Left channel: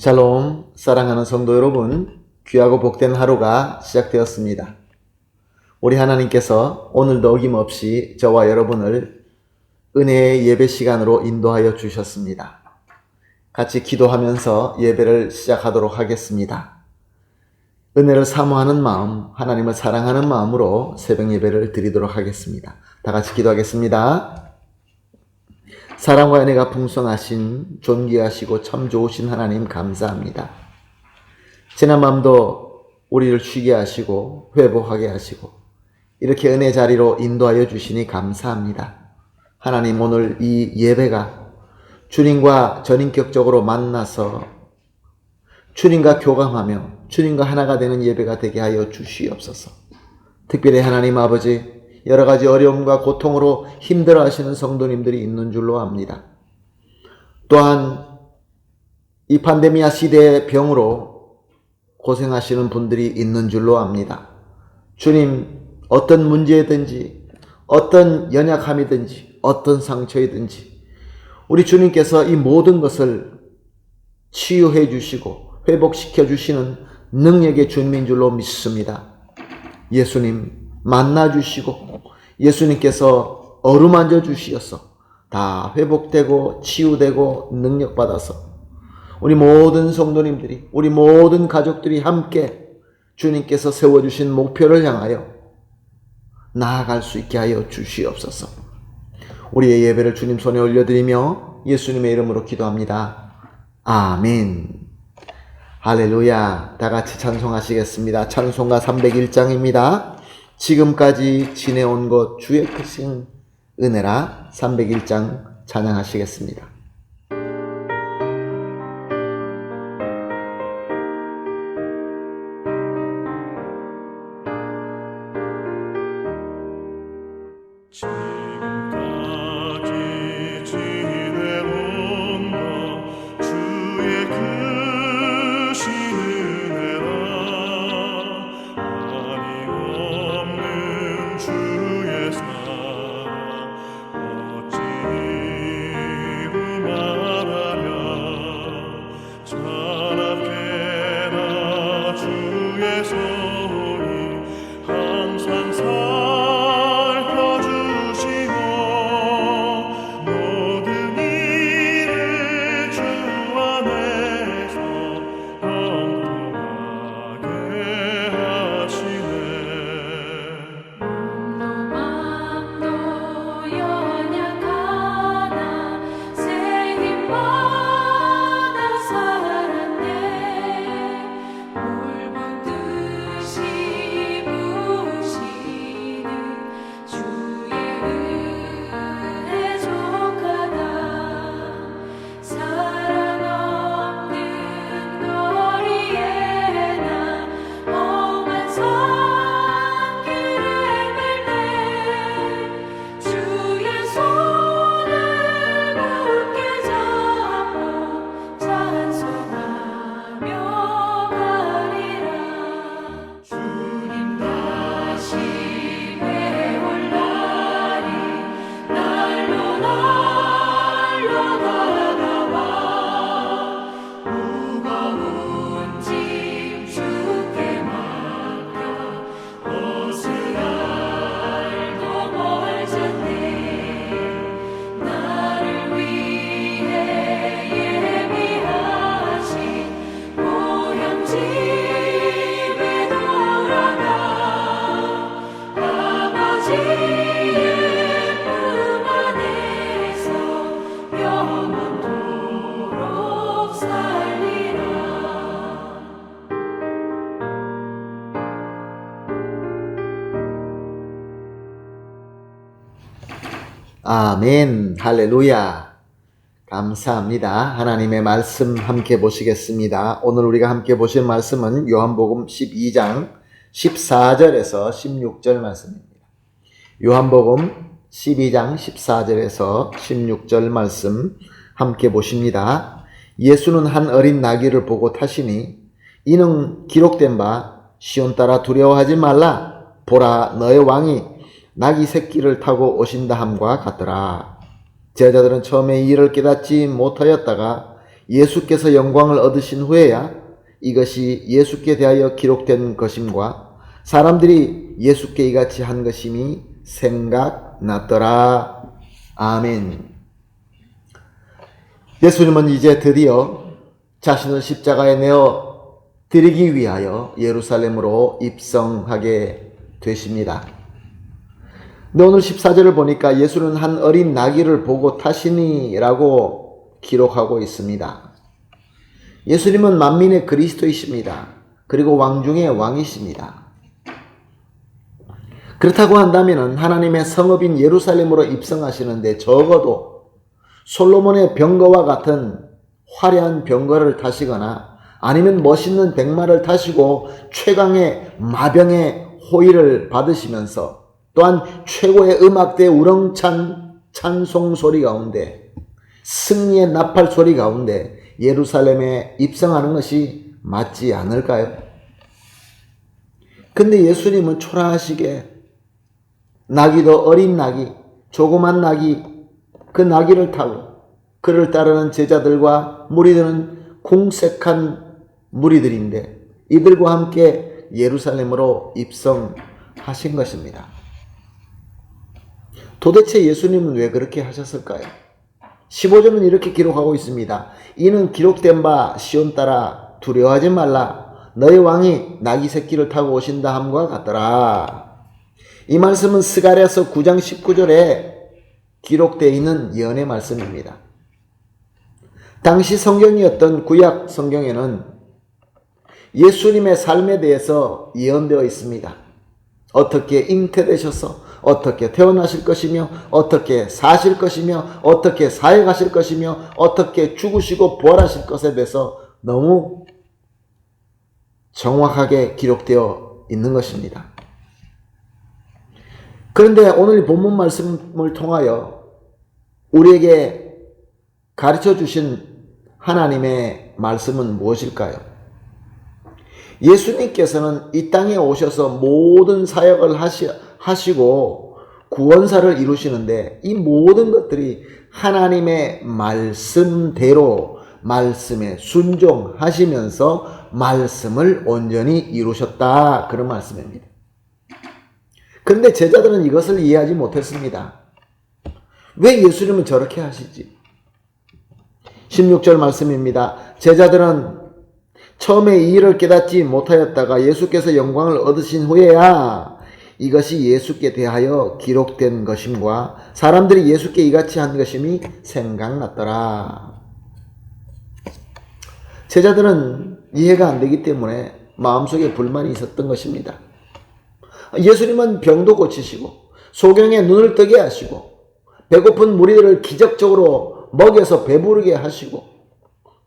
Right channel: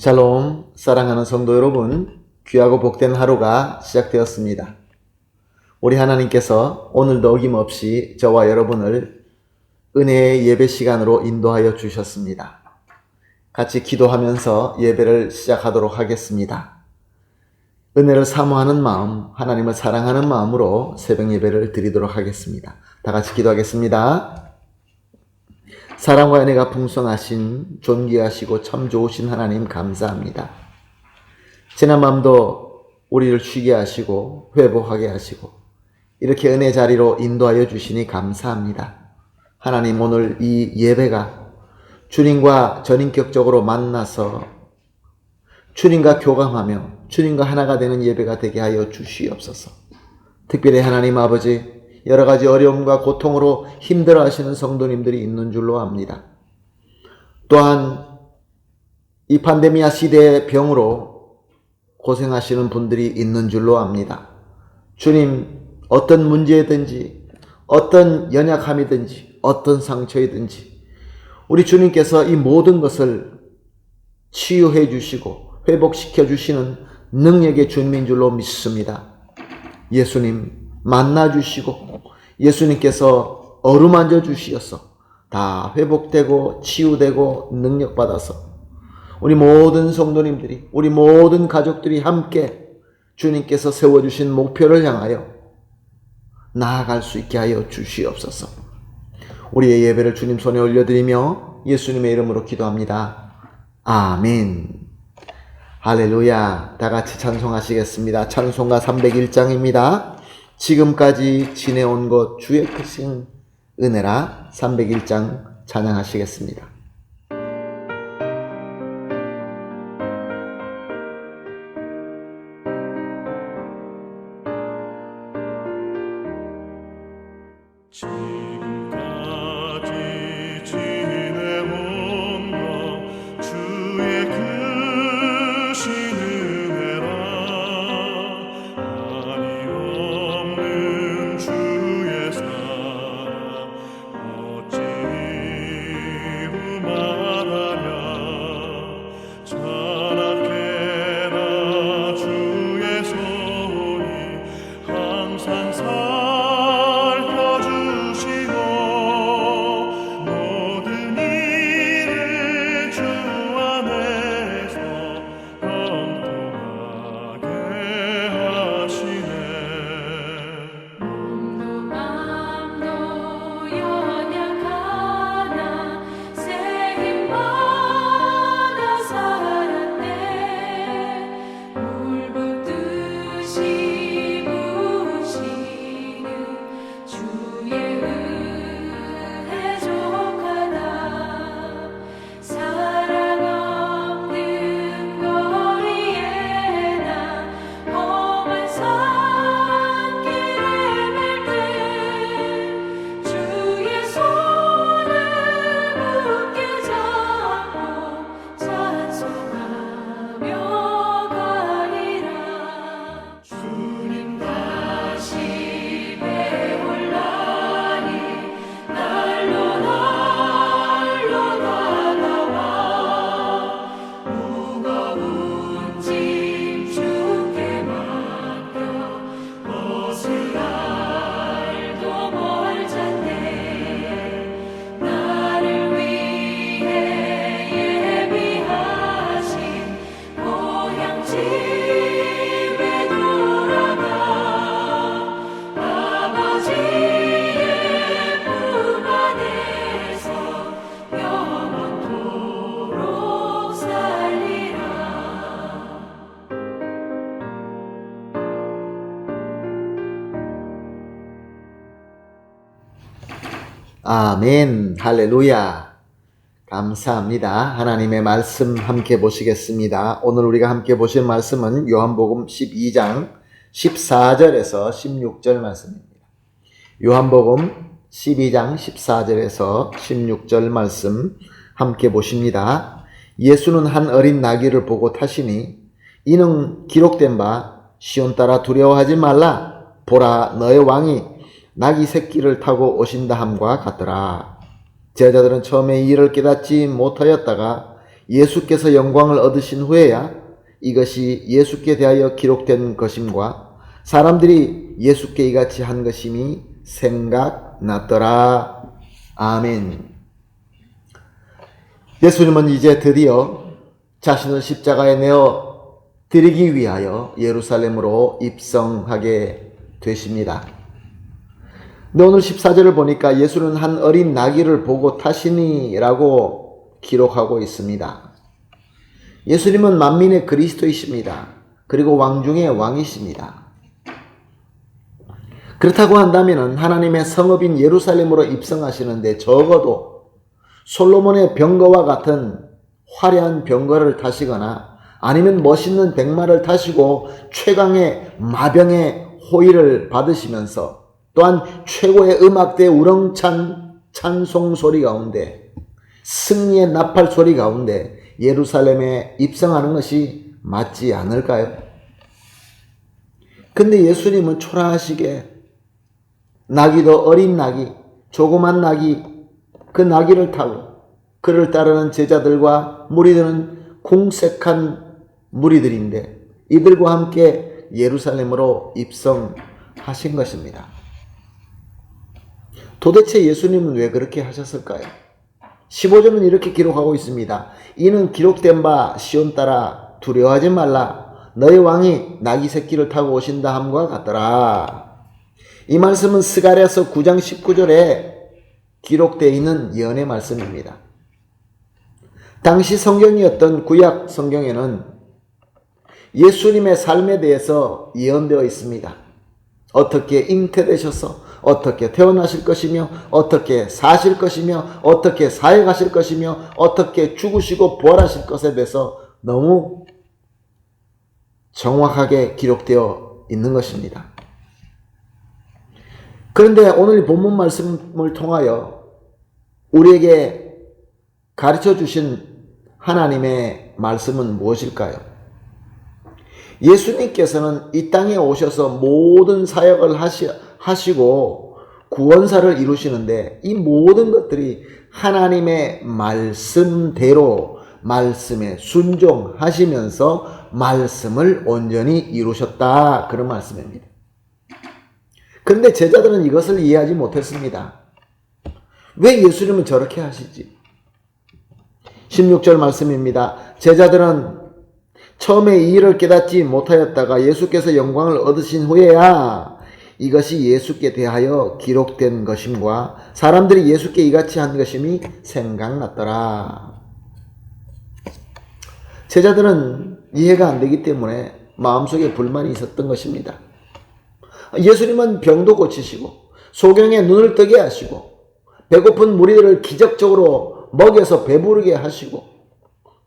샬롬, 사랑하는 성도 여러분, 귀하고 복된 하루가 시작되었습니다. 우리 하나님께서 오늘도 어김없이 저와 여러분을 은혜의 예배 시간으로 인도하여 주셨습니다. 같이 기도하면서 예배를 시작하도록 하겠습니다. 은혜를 사모하는 마음, 하나님을 사랑하는 마음으로 새벽 예배를 드리도록 하겠습니다. 다 같이 기도하겠습니다. 사랑과 은혜가 풍성하신 존귀하시고 참 좋으신 하나님 감사합니다. 지난 밤도 우리를 쉬게 하시고 회복하게 하시고 이렇게 은혜 자리로 인도하여 주시니 감사합니다. 하나님, 오늘 이 예배가 주님과 전인격적으로 만나서 주님과 교감하며 주님과 하나가 되는 예배가 되게 하여 주시옵소서. 특별히 하나님 아버지, 여러 가지 어려움과 고통으로 힘들어하시는 성도님들이 있는 줄로 압니다. 또한 이 판데미아 시대의 병으로 고생하시는 분들이 있는 줄로 압니다. 주님, 어떤 문제든지 어떤 연약함이든지 어떤 상처이든지 우리 주님께서 이 모든 것을 치유해 주시고 회복시켜 주시는 능력의 주님인 줄로 믿습니다. 예수님 만나주시고 예수님께서 어루만져 주시어서 다 회복되고 치유되고 능력받아서 우리 모든 성도님들이, 우리 모든 가족들이 함께 주님께서 세워주신 목표를 향하여 나아갈 수 있게 하여 주시옵소서. 우리의 예배를 주님 손에 올려드리며 예수님의 이름으로 기도합니다. 아멘. 할렐루야. 다 같이 찬송하시겠습니다. 찬송가 301장입니다. 지금까지 지내온 것 주의 크신 은혜라. 301장 찬양하시겠습니다. 지금까지 지내온 것 주의 크신 은혜라. 한이 없는 주의 사랑 어찌 이루 말하랴. 찬악해나 주의 손이 항상 아멘. 할렐루야. 감사합니다. 하나님의 말씀 함께 보시겠습니다. 오늘 우리가 함께 보실 말씀은 요한복음 12장 14절에서 16절 말씀입니다. 요한복음 12장 14절에서 16절 말씀 함께 보십니다. 예수는 한 어린 나귀를 보고 타시니 이는 기록된 바 시온 따라 두려워하지 말라. 보라, 너의 왕이 나귀 새끼를 타고 오신다 함과 같더라. 제자들은 처음에 이 일을 깨닫지 못하였다가 예수께서 영광을 얻으신 후에야 이것이 예수께 대하여 기록된 것임과 사람들이 예수께 이같이 한 것임이 생각났더라. 아멘. 예수님은 이제 드디어 자신을 십자가에 내어 드리기 위하여 예루살렘으로 입성하게 되십니다. 근데 오늘 14절을 보니까 예수는 한 어린 나귀를 보고 타시니라고 기록하고 있습니다. 예수님은 만민의 그리스도이십니다. 그리고 왕 중의 왕이십니다. 그렇다고 한다면 하나님의 성읍인 예루살렘으로 입성하시는데 적어도 솔로몬의 병거와 같은 화려한 병거를 타시거나 아니면 멋있는 백마를 타시고 최강의 마병의 호의를 받으시면서 또한 최고의 음악대 우렁찬 찬송 소리 가운데 승리의 나팔 소리 가운데 예루살렘에 입성하는 것이 맞지 않을까요? 근데 예수님은 초라하시게 나귀도 어린 나귀, 조그만 나귀, 그 나귀를 타고 그를 따르는 제자들과 무리들은 궁색한 무리들인데 이들과 함께 예루살렘으로 입성하신 것입니다. 도대체 예수님은 왜 그렇게 하셨을까요? 15절은 이렇게 기록하고 있습니다. 이는 기록된 바 시온 따라 두려워하지 말라. 너희 왕이 나귀 새끼를 타고 오신다 함과 같더라. 이 말씀은 스가랴서 9장 19절에 기록되어 있는 예언의 말씀입니다. 당시 성경이었던 구약 성경에는 예수님의 삶에 대해서 예언되어 있습니다. 어떻게 잉태되셔서 어떻게 태어나실 것이며 어떻게 사실 것이며 어떻게 사역하실 것이며 어떻게 죽으시고 부활하실 것에 대해서 너무 정확하게 기록되어 있는 것입니다. 그런데 오늘 본문 말씀을 통하여 우리에게 가르쳐 주신 하나님의 말씀은 무엇일까요? 예수님께서는 이 땅에 오셔서 모든 사역을 하시고 구원사를 이루시는데 이 모든 것들이 하나님의 말씀대로 말씀에 순종하시면서 말씀을 온전히 이루셨다. 그런 말씀입니다. 그런데 제자들은 이것을 이해하지 못했습니다. 왜 예수님은 저렇게 하시지? 16절 말씀입니다. 제자들은 처음에 이 일을 깨닫지 못하였다가 예수께서 영광을 얻으신 후에야 이것이 예수께 대하여 기록된 것임과 사람들이 예수께 이같이 한 것임이 생각났더라. 제자들은 이해가 안 되기 때문에 마음속에 불만이 있었던 것입니다. 예수님은 병도 고치시고 소경의 눈을 뜨게 하시고 배고픈 무리들을 기적적으로 먹여서 배부르게 하시고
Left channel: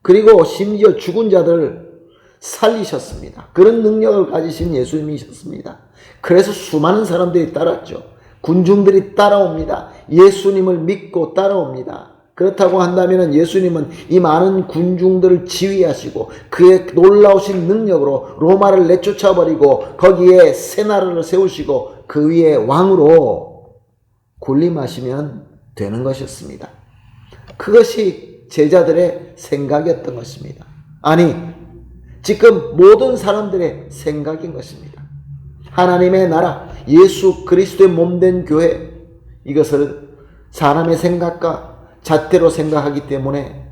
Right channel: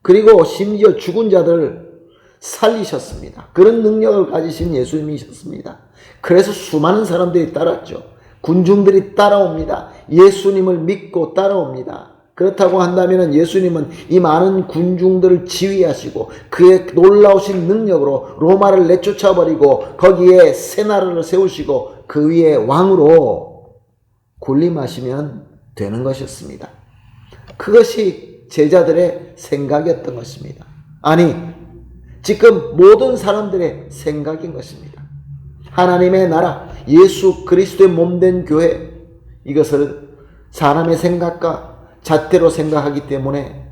그리고 심지어 죽은 자들을 살리셨습니다. 그런 능력을 가지신 예수님이셨습니다. 그래서 수많은 사람들이 따랐죠. 군중들이 따라옵니다. 예수님을 믿고 따라옵니다. 그렇다고 한다면 예수님은 이 많은 군중들을 지휘하시고 그의 놀라우신 능력으로 로마를 내쫓아버리고 거기에 새 나라를 세우시고 그 위에 왕으로 군림하시면 되는 것이었습니다. 그것이 제자들의 생각이었던 것입니다. 아니, 지금 모든 사람들의 생각인 것입니다. 하나님의 나라, 예수 그리스도의 몸된 교회, 이것을 사람의 생각과 잣대로 생각하기 때문에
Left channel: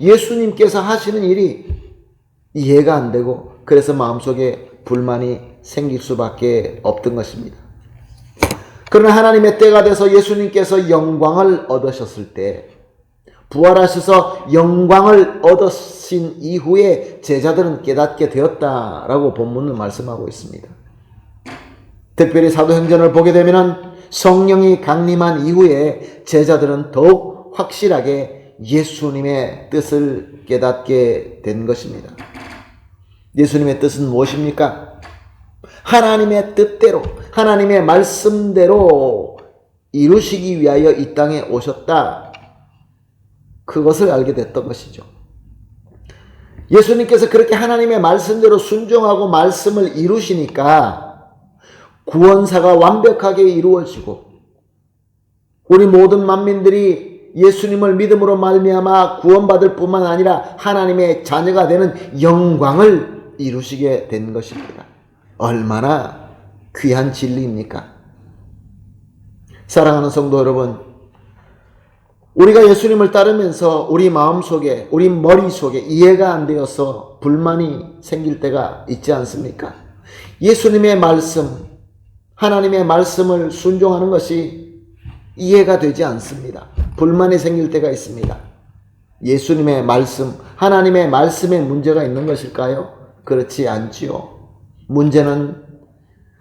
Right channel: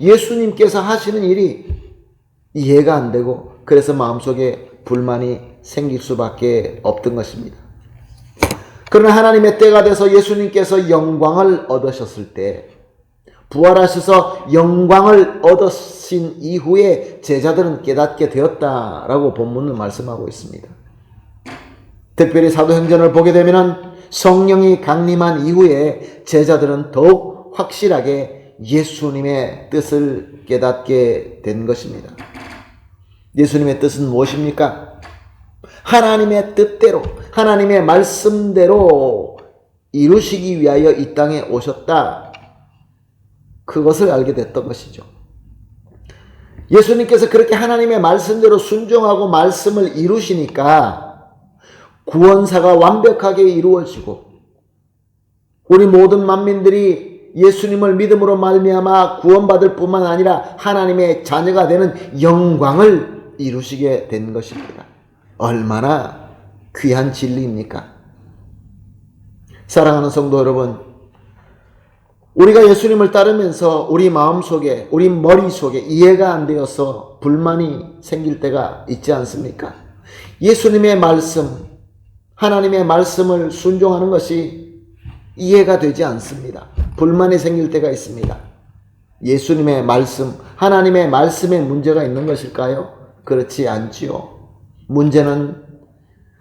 예수님께서 하시는 일이 이해가 안 되고 그래서 마음속에 불만이 생길 수밖에 없던 것입니다. 그러나 하나님의 때가 돼서 예수님께서 영광을 얻으셨을 때 부활하셔서 영광을 얻으신 이후에 제자들은 깨닫게 되었다라고 본문은 말씀하고 있습니다. 특별히 사도행전을 보게 되면 성령이 강림한 이후에 제자들은 더욱 확실하게 예수님의 뜻을 깨닫게 된 것입니다. 예수님의 뜻은 무엇입니까? 하나님의 뜻대로 하나님의 말씀대로 이루시기 위하여 이 땅에 오셨다. 그것을 알게 됐던 것이죠. 예수님께서 그렇게 하나님의 말씀대로 순종하고 말씀을 이루시니까 구원사가 완벽하게 이루어지고 우리 모든 만민들이 예수님을 믿음으로 말미암아 구원받을 뿐만 아니라 하나님의 자녀가 되는 영광을 이루시게 된 것입니다. 얼마나 귀한 진리입니까? 사랑하는 성도 여러분, 우리가 예수님을 따르면서 우리 마음속에, 우리 머릿속에 이해가 안 되어서 불만이 생길 때가 있지 않습니까? 예수님의 말씀, 하나님의 말씀을 순종하는 것이 이해가 되지 않습니다. 불만이 생길 때가 있습니다. 예수님의 말씀, 하나님의 말씀에 문제가 있는 것일까요? 그렇지 않지요. 문제는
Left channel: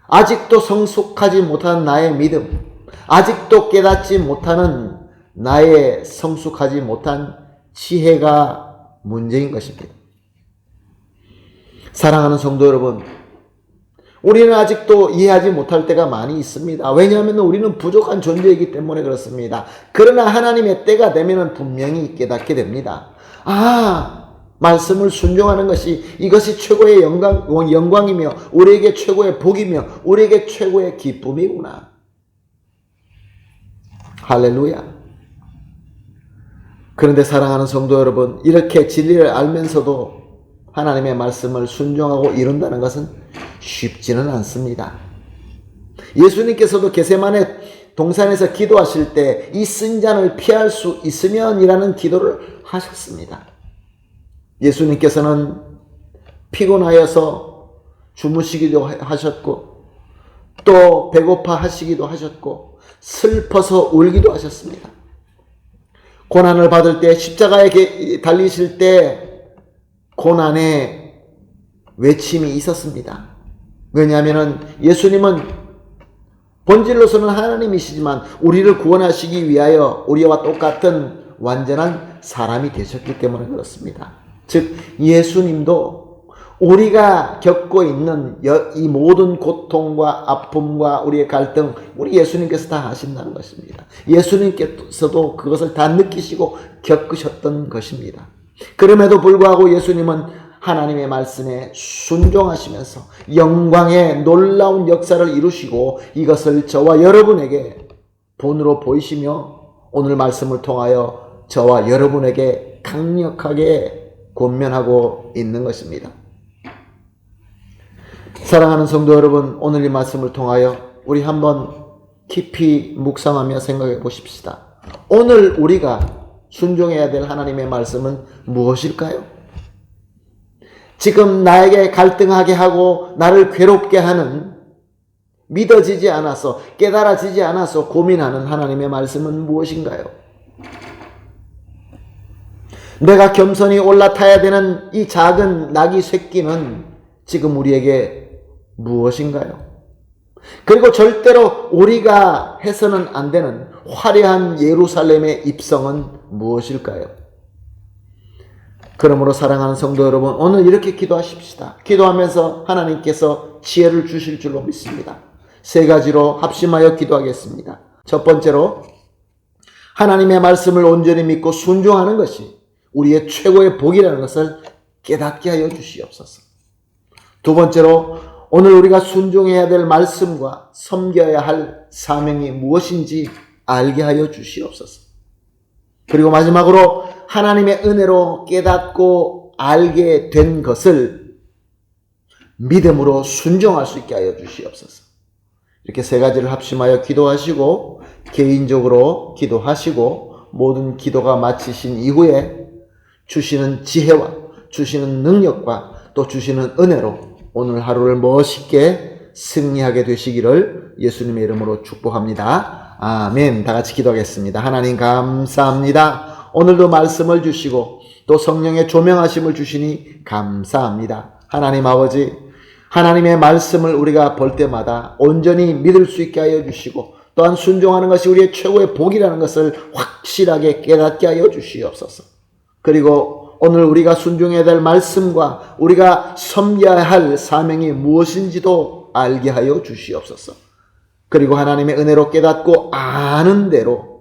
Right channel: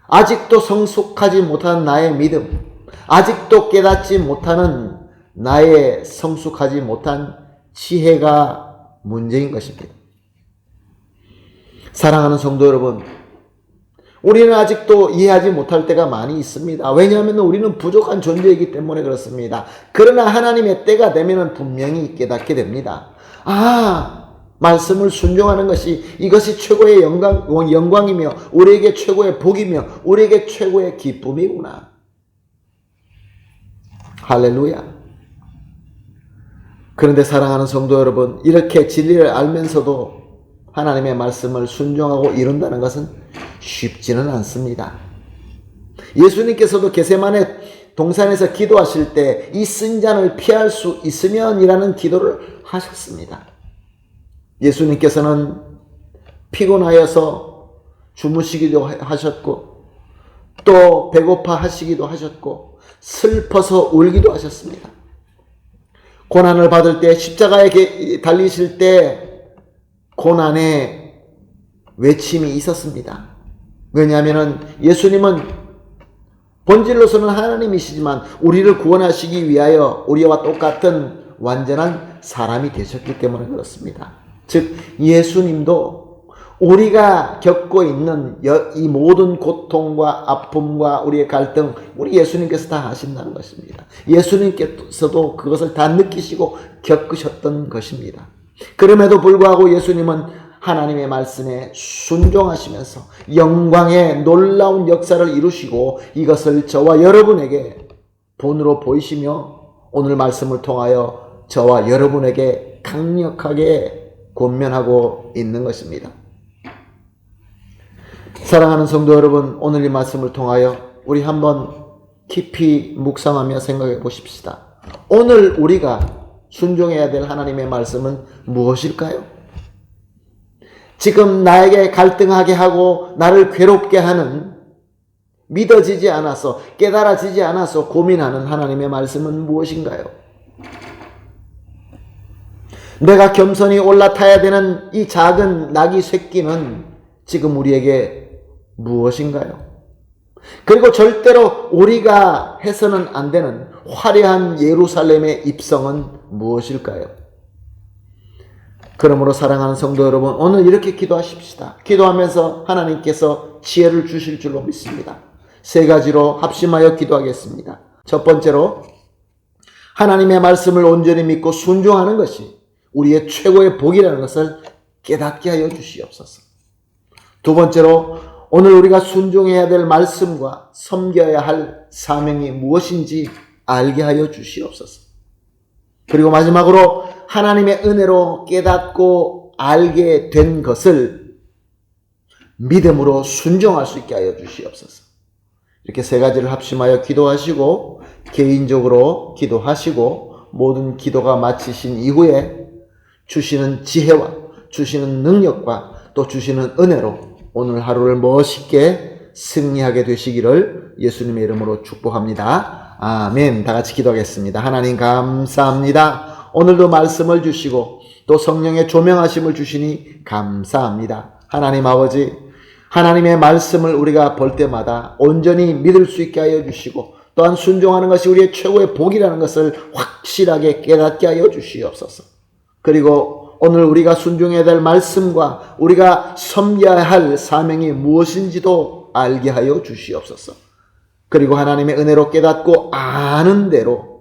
아직도 성숙하지 못한 나의 믿음, 아직도 깨닫지 못하는 나의 성숙하지 못한 지혜가 문제인 것입니다. 사랑하는 성도 여러분, 우리는 아직도 이해하지 못할 때가 많이 있습니다. 왜냐하면 우리는 부족한 존재이기 때문에 그렇습니다. 그러나 하나님의 때가 되면 분명히 깨닫게 됩니다. 말씀을 순종하는 것이, 이것이 최고의 영광이며 우리에게 최고의 복이며 우리에게 최고의 기쁨이구나. 할렐루야. 그런데 사랑하는 성도 여러분, 이렇게 진리를 알면서도 하나님의 말씀을 순종하고 이룬다는 것은 쉽지는 않습니다. 예수님께서도 겟세마네 동산에서 기도하실 때 이 쓴 잔을 피할 수 있으면이라는 기도를 하셨습니다. 예수님께서는 피곤하여서 주무시기도 하셨고, 또 배고파 하시기도 하셨고, 슬퍼서 울기도 하셨습니다. 고난을 받을 때, 십자가에 달리실 때 고난의 외침이 있었습니다. 왜냐하면 예수님은 본질로서는 하나님이시지만 우리를 구원하시기 위하여 우리와 똑같은 완전한 사람이 되셨기 때문에 그렇습니다. 즉 예수님도 우리가 겪고 있는 이 모든 고통과 아픔과 우리의 갈등, 우리 예수님께서 다 하신다는 것입니다. 예수님께서도 그것을 다 느끼시고 겪으셨던 것입니다. 그럼에도 불구하고 예수님은 하나님의 말씀에 순종하시면서 영광의 놀라운 역사를 이루시고 이것을 저와 여러분에게 본으로 보이시며 오늘 말씀을 통하여 저와 여러분에게 강력하게 권면하고 있는 것입니다. 사랑하는 성도 여러분, 오늘 이 말씀을 통하여 우리 한번 깊이 묵상하며 생각해 보십시다. 오늘 우리가 순종해야 될 하나님의 말씀은 무엇일까요? 지금 나에게 갈등하게 하고 나를 괴롭게 하는, 믿어지지 않아서, 깨달아지지 않아서 고민하는 하나님의 말씀은 무엇인가요? 내가 겸손히 올라타야 되는 이 작은 나귀 새끼는 지금 우리에게 무엇인가요? 그리고 절대로 우리가 해서는 안 되는 화려한 예루살렘의 입성은 무엇일까요? 그러므로 사랑하는 성도 여러분, 오늘 이렇게 기도하십시다. 기도하면서 하나님께서 지혜를 주실 줄로 믿습니다. 세 가지로 합심하여 기도하겠습니다. 첫 번째로, 하나님의 말씀을 온전히 믿고 순종하는 것이 우리의 최고의 복이라는 것을 깨닫게 하여 주시옵소서. 두 번째로, 오늘 우리가 순종해야 될 말씀과 섬겨야 할 사명이 무엇인지 알게 하여 주시옵소서. 그리고 마지막으로 하나님의 은혜로 깨닫고 알게 된 것을 믿음으로 순종할 수 있게 하여 주시옵소서. 이렇게 세 가지를 합심하여 기도하시고 개인적으로 기도하시고 모든 기도가 마치신 이후에 주시는 지혜와 주시는 능력과 또 주시는 은혜로 오늘 하루를 멋있게 승리하게 되시기를 예수님의 이름으로 축복합니다. 아멘. 다 같이 기도하겠습니다. 하나님 감사합니다. 오늘도 말씀을 주시고 또 성령의 조명하심을 주시니 감사합니다. 하나님 아버지, 하나님의 말씀을 우리가 볼 때마다 온전히 믿을 수 있게 하여 주시고 또한 순종하는 것이 우리의 최고의 복이라는 것을 확실하게 깨닫게 하여 주시옵소서. 그리고 오늘 우리가 순종해야 될 말씀과 우리가 섬겨야 할 사명이 무엇인지도 알게 하여 주시옵소서. 그리고 하나님의 은혜로 깨닫고 아는 대로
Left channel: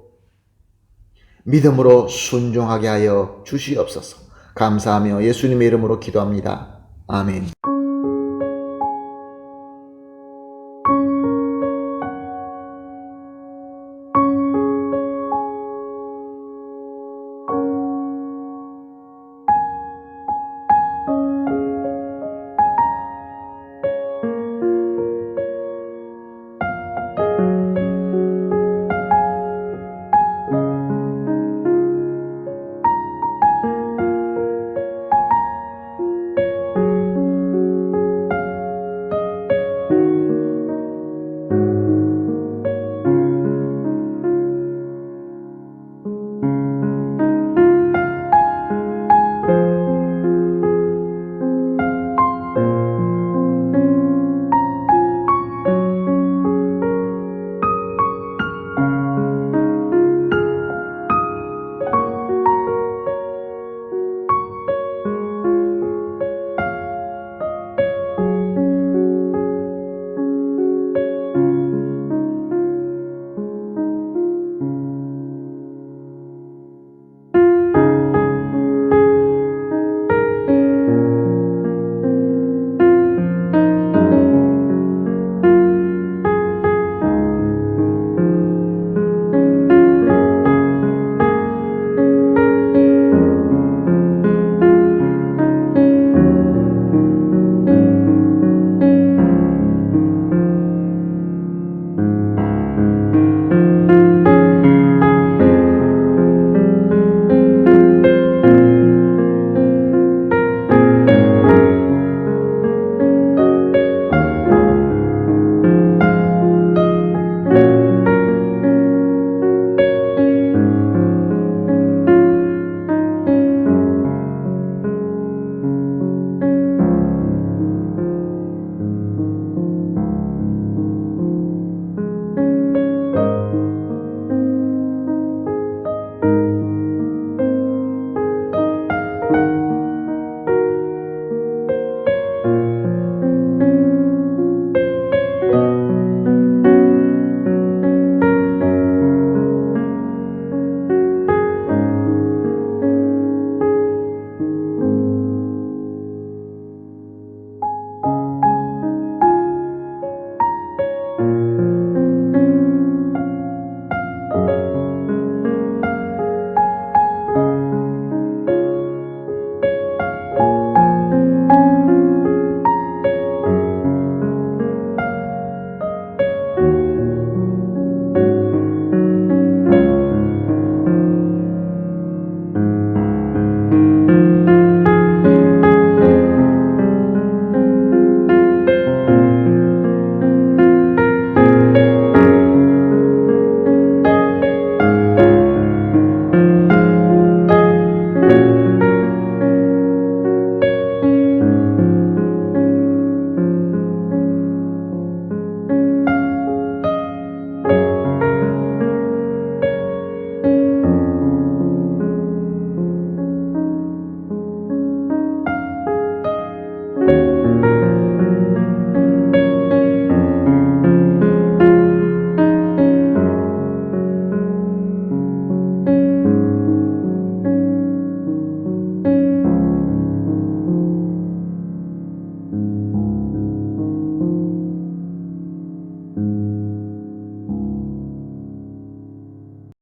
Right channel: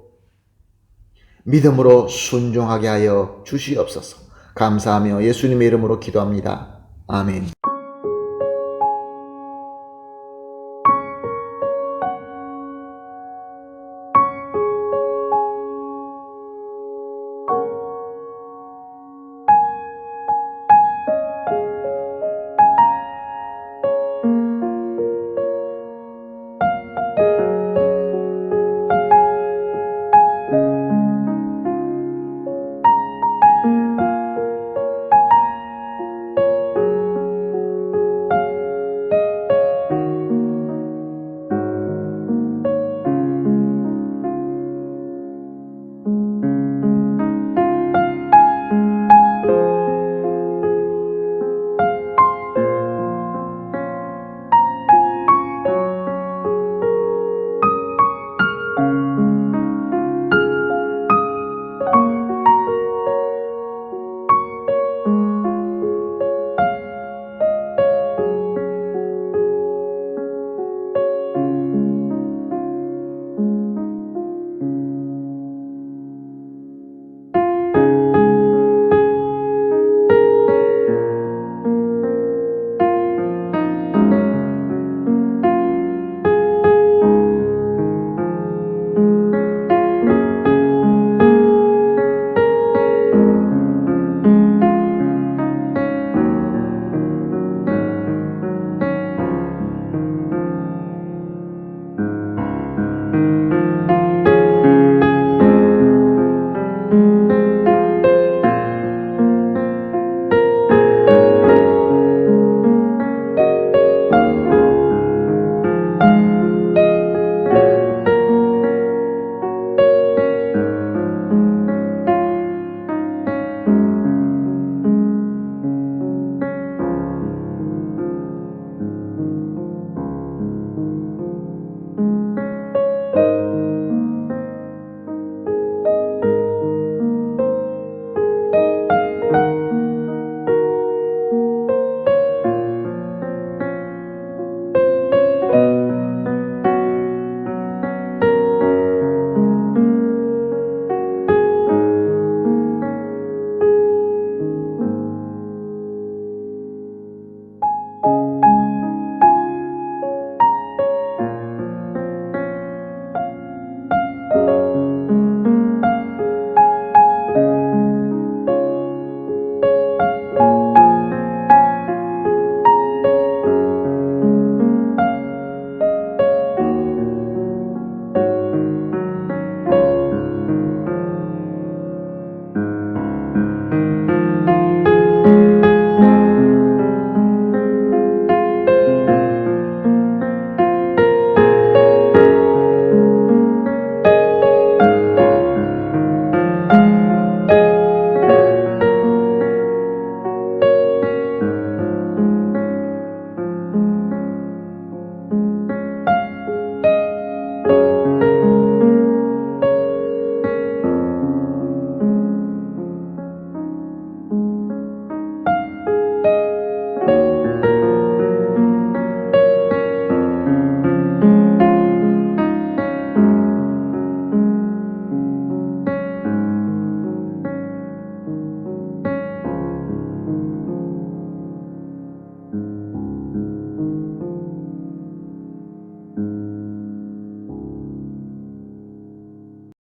믿음으로 순종하게 하여 주시옵소서. 감사하며 예수님의 이름으로 기도합니다. 아멘.